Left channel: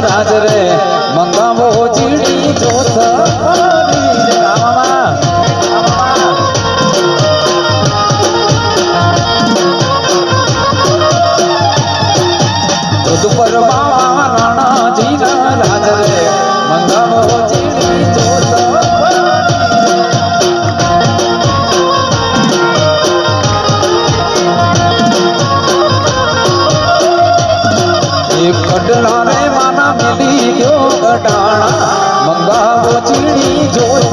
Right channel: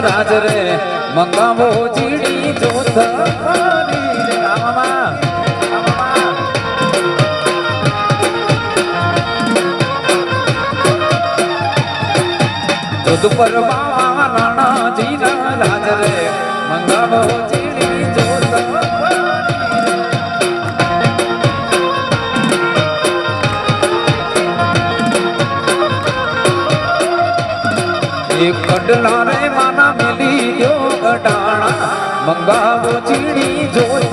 રાજ રે મંગાવો ચીડી જોત પર બાવા રાણાજી ના રાજ રે મંગાવો ચીડી જોત એક કડલા રે માના મિલી ગયો કડાણા મંગાવો ચીડી જોત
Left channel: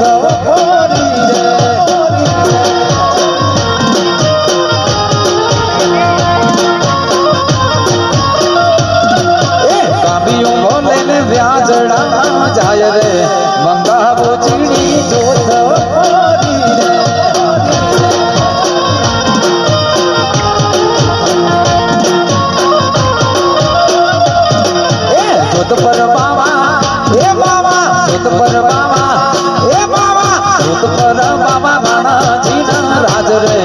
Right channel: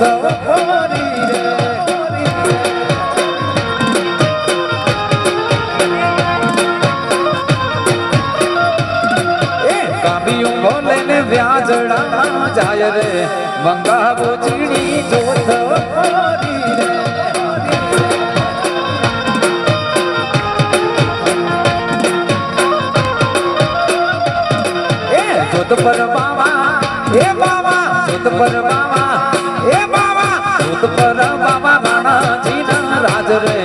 વ્યાજડા જાય રે મંગાવો ચીડી જોત જોત પર બાવા એ બાવા જોત પર બાવા એ બાવા જોત પર બાવા રાણાજી ના રાજ રે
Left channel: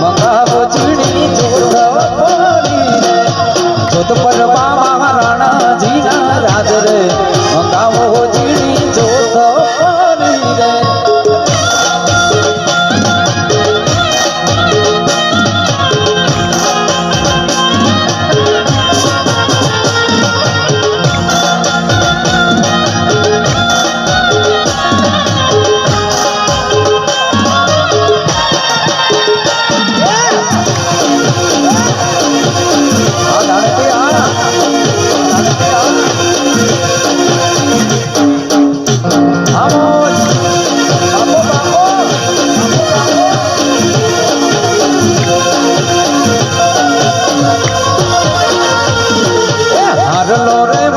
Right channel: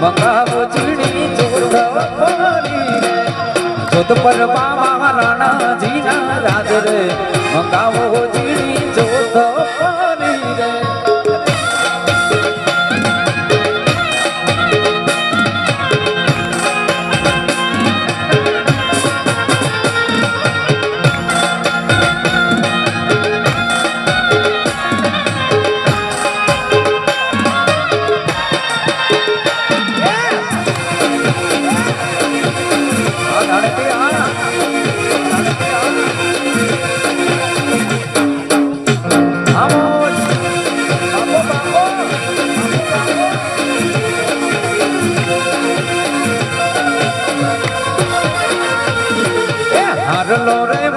મંગાવો ચીડી જોત જોત પર બાવા રાણાજી ના રાજ રે મંગાવો ચીડી જોત રે હારલો રે